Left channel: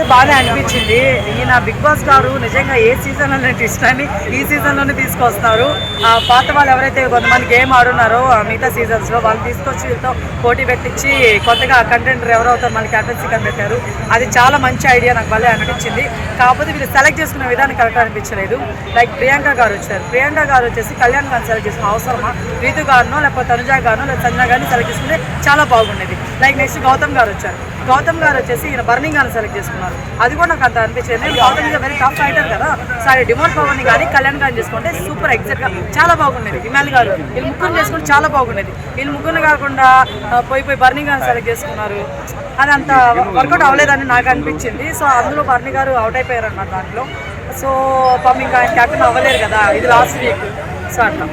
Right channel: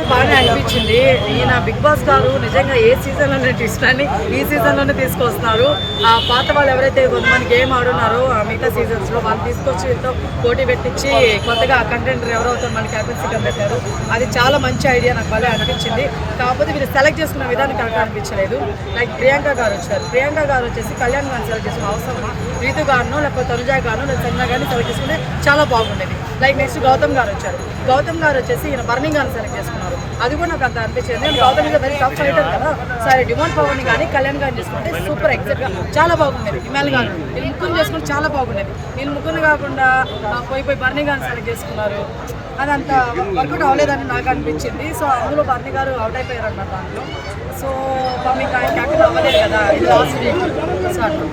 నాకైతే బాగానే అనిపించింది. ఈయన బిగ్ బాస్ గారు నిజంగా ఏ సీజన్లోనే ట్విస్ట్ని ఈ సీజన్లోనే తీసుకొస్తున్నారు. ఆ పాత వాళ్ళు ఎవరైతే కొంతమంది గేమ్ ఆడున్నారో మిగతా సీజన్స్లో వాళ్ళని తీసుకొచ్చి వీళ్ళతో పోటీ పెట్టించి కొత్తగా కంటెంటర్ ఎవరు అవుతారు మన క్యాప్టెన్సీ అని పెట్టారు. అది చాలా మంచి ఐడియా, నాకు భలే అనిపించింది. కాకపోతే వీళ్ళు సెలెక్ట్ చేసుకునే విధానం కరెక్ట్ అనిపించలేదు. లైక్ ప్రియాంక గారు వచ్చారు, ప్రియాంక గారు వచ్చేసి కళ్యాణ్ గారిని సెలెక్ట్ చేసుకుని అవసరమా? రీతు గారినో లేకపోతే తనుజా గారినో లేకపోతే సంజన గారిని సెలెక్ట్ చేసుకుంటే చాలా బాగుండేది. లైక్ నెక్స్ట్ గౌతమ్ గారు వచ్చారు, గౌతమ్ గారు వచ్చేసి ఈయన బర్నింగ్ గారిని సెలెక్ట్ చేసుకున్నారు. అది కూడా నాకు అంత అనిపించింది. నేను Gautam is very tough fighter కదా, సరే డిమోన్ పవర్ని కానీ కళ్యాణ్ గారిని చేసుకుంటే సూపర్ ఎగ్జాక్ట్గా చాలా బాగుండేది. ఇమాల్ గారు వీళ్ళు ముగ్గురు చేసుకుంటే చాలా బాగుండేది. వీళ్ళు ముగ్గురు కాకుండా పోయి బర్నింగ్ గారిని సెలెక్ట్ చేసుకున్నారు. అది అంత వర్కౌట్ అవ్వలేదని నాకు అనిపించింది. సో అందులో బర్నీ గారు అవుట్ అయిపోయారు అన్నమాట దాంట్లో. సో పాపం ఇంకా ఆయన క్యాప్టెన్ అవ్వలేరు కదా, ఇది లాస్ట్ వీక్. సో అట్లా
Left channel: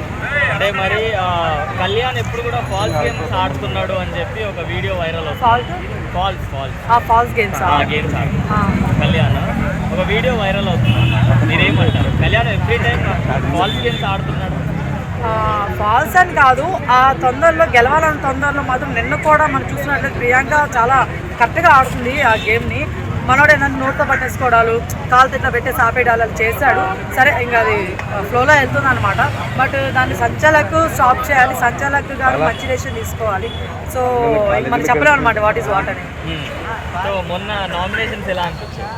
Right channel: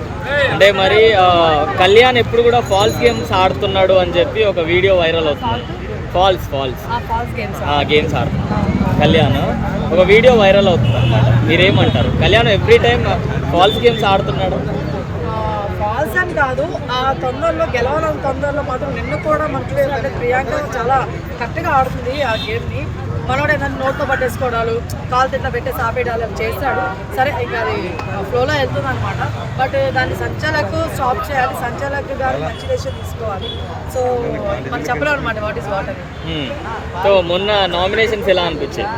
అంటే మరి కళ్యాణ్ ఎప్పుడు కూడా ఫాల్స్ గేమ్స్ ఆడుతున్నాడు అని చెప్పి ఒక వీడియో వైరల్ అవుతుంది. ఫాల్స్ గేమ్స్ కళ్యాణ్ ఒక వీడియో వైరల్ అవుతుంది. మీరేమంటారు? Kalyan every time false games ఆడుతున్నాడు. ఫాల్స్ అని కాదు, ఆ తొందరలో గెలవాలన్న తొందరలో మాత్రం నిన్న కూడా మనం చూసినట్లయితే ప్రియాంక చాలా కరెక్ట్గా ఆడుతుంది ఆ గేమ్ని. మనోడు ఏదైనా నోట్తో పట్టేసుకోవడాలు, కాలుతో ఇట్లా పెట్టేసి ఆపేయడాలు చేశాడు. సరే ఇంకా అది ఫ్లోలో వెళ్తుంది అనమాట. బట్ దాన్ని సంచాలకు స్టాప్ చేయాలి, సంచాలక్ గారు మంచి డెసిషన్ తీసుకోవాలి. సో ఇంక మనం చెప్పలేము అనమాట వాట్ ఈస్ వాట్ అనేది. సో మొన్న నామినేషన్స్ ఎలా అనిపించాయి?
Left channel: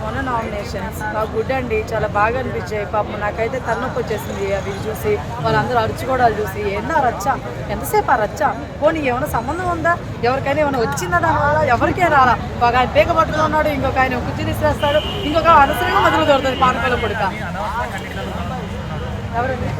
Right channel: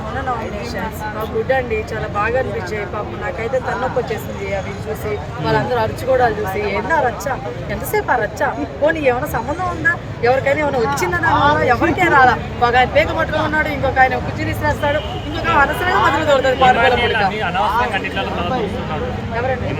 మొన్న నామినేషన్స్ గుడ్ అండి, చాలా బాగా అనిపించాయి. పాపం నాకైతే తన్నొప్పి వచ్చేసింది అవి చూసి, వాళ్ళందరూ అరుచుకోవడాలు చూసి. ఎన్నో రచ్చ, ఎంతసేపు ఆ రచ్చ? పోనీ ఏమైనా సంబంధం ఉందా? ఎవరికైనా ఏమైనా వచ్చిందా దానివల్ల? ఎవరికే రాలా. ఒక ఆయన పేక పట్టుకుని ఉన్నాడు, ఇంకొక ఆయన కుర్చీని ఇస్తాడు, ఇంకొక అనవసరంగా మధ్యలో దొరుకుతుంది పానకాల పుడక. ఎవరండి?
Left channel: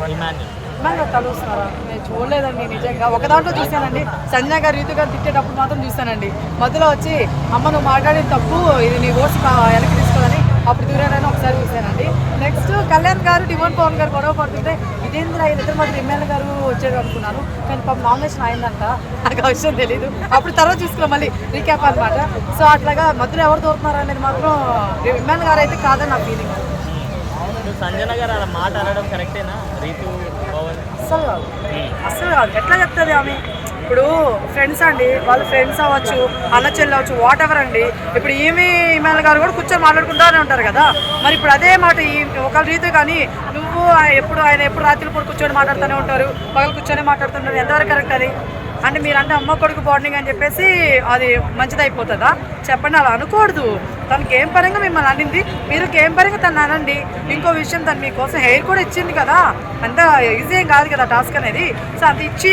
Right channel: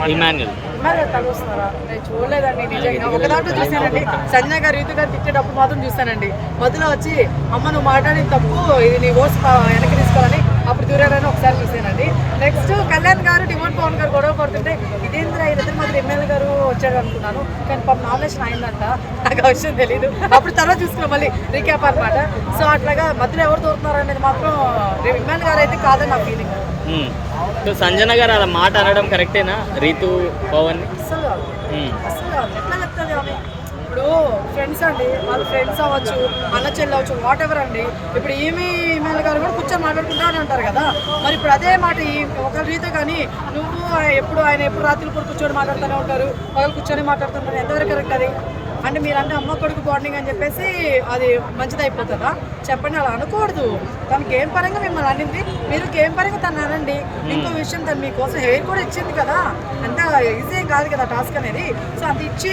ఇమాన్యుల్ తలుస్తున్నారా? నేను చూడలేదండి నిజంగా. ఒక దాంట్లో చూసానండి, సంజన గారు రీతు గారు తిట్టేటప్పుడు మాత్రం చూస్తానండి. మధ్యలో వచ్చి అమ్మ నువ్వు మాట్లాడిన తప్పు, ఇది నీ ఓట్స్ వెనక్కి తీసుకోవాలని అప్పుడు దూరాడని ఒకసారి చూసానండి. నెక్స్ట్ కళ్యాణ్ గారు డిమోన్ పవన్ గారు గొడవ పడుతుంటే ఇదేంద్ర వీళ్ళిద్దరు మాత్రం ఎమ్మెల్యే గారు వచ్చాడు అనుకున్నాను. కానీ పాపం నామినేషన్ అయిందంట, నాకు ఆ విషయం తెలీదు. అప్పుడు తర్వాత చూసుకున్నాం మళ్ళీ రీక్యాప్ అనమాట. సో అట్లాగా మధ్యలో ఎవరు దూరుతున్నారు అనేది మాత్రం ఎమ్మెల్యే గారు అయితే కాదని నా ఫీలింగ్ అండి. సంజన గారు అలా మాట అనడం కరెక్టేనా? రీతు పవన్ అస్సలు కాదు. ఎట్లా చెప్తుంది ఆమె? ఇప్పుడు ఫ్రెండ్స్ అండి, వాళ్ళు ఫ్రెండ్స్ అవ్వచ్చు, అన్న చెల్లి అవ్వచ్చు, వాట్ ఎవర్ అండి. ఇప్పుడు ఈమెయిల్ గారు కూడా కూర్చొని మాట్లాడుకుంటూనే ఉంటారు కదా. మరి ఇప్పుడు అదే మాట ఒక రీతి కానీ నువ్వు ఆయన ఎప్పుడు రాత్రి పూట కూర్చొని మాట్లాడుతూనే ఉంటారు, పగలు కూర్చొని మాట్లాడుతుంటారు. ఎంతవరకు కరెక్ట్ అది? అంటే మీరంటే అమ్మ కొడుకు బాండింగ్ అని చెప్పేసి అది మంచిది అయిపోతుందా? చెప్పండి, అలా అనకూడదు. తను గేమ్ పరంగా మిమ్మల్ని అనింది, మీరు గేమ్ పరంగా తను అనండి. ఇంకో విషయం, తను మీకోసం హెయిర్ కూడా ఇచ్చింది కదా, అంత ఈజీ ఏం కాదు కదా టాస్క్ అనేది. సో అంత ఇచ్చి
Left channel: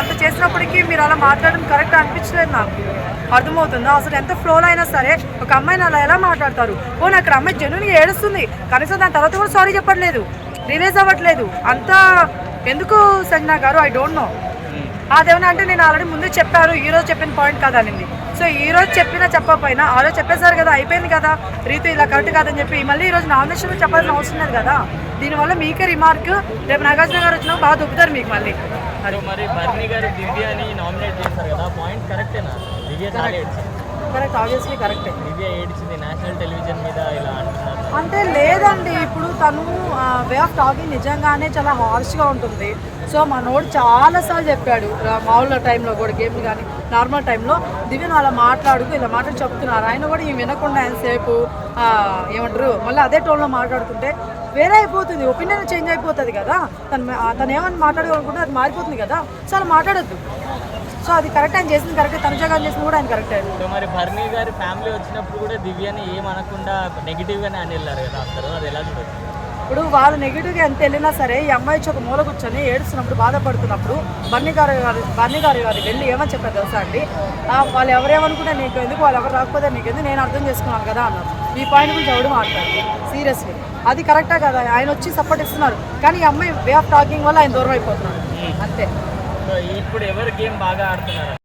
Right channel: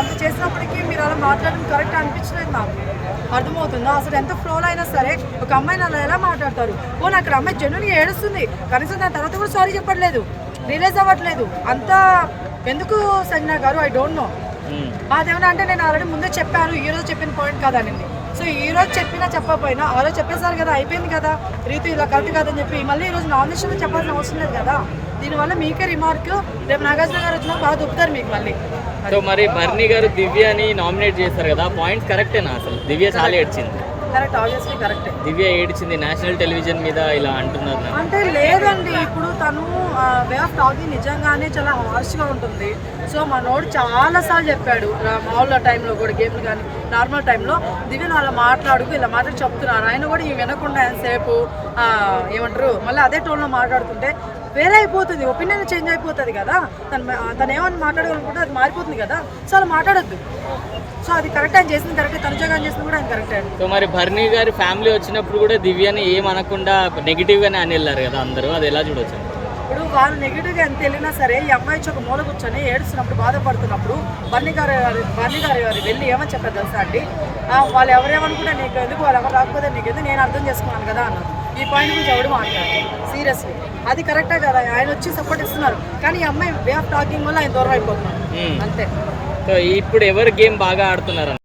అంత చేసినప్పటికీ మీరు అలా మాట్లాడడం కరెక్ట్ అనిపించలేదు నాకు. అర్థమవుతుందా? అసలు ఎంత ఫ్లోలో అయినా సరే ఒక అమ్మాయిని అలా ఎలా మాట్లాడతారు? నాకు అక్కడ అమ్మాయి జెన్యున్గా ఏడుస్తుంది, కనీసం దాని తర్వాత కూడా సారీ చెప్పట్లేదు, రిలీజ్ అవ్వట్లేదు. అంతా ఎందుకు సంజన గారు? I don't know. అదేమన్నా అంటే నేను ఆల్రెడీ ముందే చెప్పాను, ఈ రోజు చెప్పిన పాయింట్ కాదనింది. సో ఈ రోజు చెప్పినా చెప్పకపోయినా ఆ రోజు చెప్పేశారు కదా, అయిపోయింది కదా. రీతు ఇలా కరెక్ట్ కాదని చెప్పి మళ్ళీ ఈ రోజు నామినేషన్లో చెప్పాల్సిన అవసరం లేదు కదా. దీనివల్ల మీకే రిమార్క్, రేపు నాగార్జున గారు వచ్చినా బాగా దొబ్బుతారు మీకు మళ్ళీ. మరి బర్నీ గారు దివ్యని నామినేట్ చేస్తారు కదా, పాయింట్ కరెక్టేనా? అసలు దివ్య చాలా ఏడ్చింది. కరెక్ట్, ఆబ్వియస్లీ కరెక్టే. దివ్య ఏడ్చింది నేషనల్ టెలివిజన్ మీద ఇలా అంటున్నారు అంటే. లేదండి, ఇప్పుడు తను వే ఆఫ్ టాకింగ్ నిజంగానే చాలా హార్ష్గా ఉంటుంది. సో మనోడు చాలాసార్లు చెప్పాడు మామూలు టైంలో కూడా, గేమ్లు కానీ నార్మల్ టైంలో దివ్యను అలా ఇలా మాట్లాడి చెప్తున్నారు. ఆయన కూడా ఈ వినకుండా ఎంతసేపు ఏమంటారు మళ్ళీ అదే టోన్లో మాట్లాడుతుంటే వేరే అయిపోతుంది, ఒపీనియన్ చేంజ్ అయిపోతుంది కదా. తను ఏమని మాట్లాడాలనుకుంటే అది మారిపోతుంది కదా. సో అలా మాట్లాడద్దు. సో అది కరెక్ట్, ఆయన చేసింది కరెక్ట్, తనుజ గారు చేసింది కూడా ఆయన కరెక్ట్. సో మరి బర్నీ గారి ఫ్యామిలీ వచ్చినప్పుడు కూడా దివ్యని ఏమనకుండా నెగిటివ్గానే అని వెళ్ళారు కదా అందరూ, అది ఎలా చూడొచ్చు? ఇప్పుడు వాళ్ళు నెగిటివ్గా ఎంత వెళ్ళినా సరే ఈ అమ్మాయి వచ్చి ఒక మూల కూర్చొని ఏడుస్తున్నప్పుడు, బాధపడుతున్నప్పుడు బర్నీ గారు వెళ్ళి ఏమని చెప్పారు తెలుసా అండి? వాళ్ళు ఎవరేమనుకుంటే నీకు ఎందుకు, వాళ్ళు ఎవరు రాకపోతే నీకు ఎందుకు, నేను అర్థం చేసుకున్నాను కదా అన్నారు. ఈ పాయింట్ గురించి ఎవడు మాట్లాడు సీరియస్లీ, అది కరెక్టా కదా? ఆయన వచ్చి సపోర్ట్ ఇస్తున్నారు, కానీ ఈ అమ్మాయి వే ఆఫ్ టాకింగ్ వల్ల ఆయన దూరం అయిపోతున్నాడు అంతే. ఇప్పుడు ఎవరు గేమ్ బాగా ఆడుతున్నారు?